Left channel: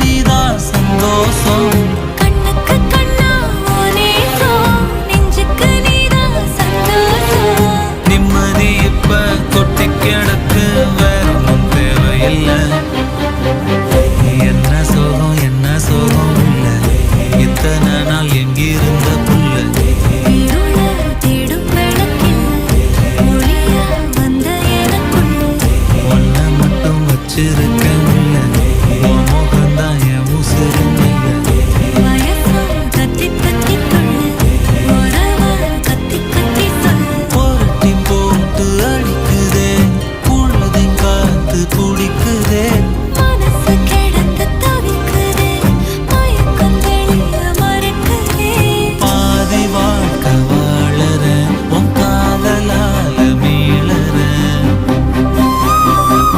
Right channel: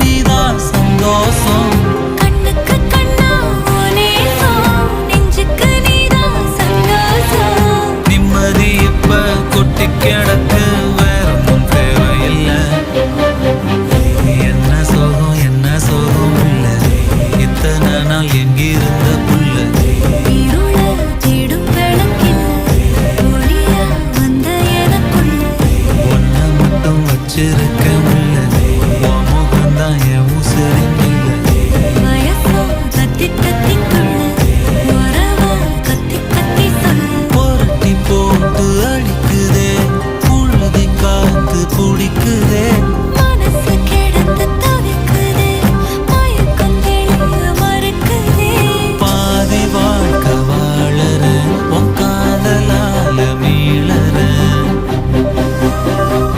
நீதான் சந்தோஷம். கண்ணுக்கு கண்ணா நேசம், நெஞ்சுக்கு நீதான் சந்தோஷம். நிம்மதி இப்ப கொட்டி கிடக்கு, வேற ஒன்றும் தேவையில்லை. என்ன சோகம் என்ன சோகம் உள்ள, இத்தனை நாள் எங்கிருந்த புல்ல. இருள தேடும் விளக்கில்ல, ஒளியா வந்த எனக்குள்ள. ஒன்ன மட்டும் வச்சிருக்க முல்ல, உன் முகம்தான் என் உசிரின் இல்ல. வயசா தத்தி தத்தி துள்ள, உறவா கத்தி கத்தி சொல்ல. புரட்டி போட்டு அடிக்குதே, புழுதி காத்து பிடிக்குதே. மனசு கிடந்து தவிக்குதே, மயக்கம் தெளிய மறுக்குதே. பாதி வாழ்க்கை வாழற, உன் காதலால மீளற.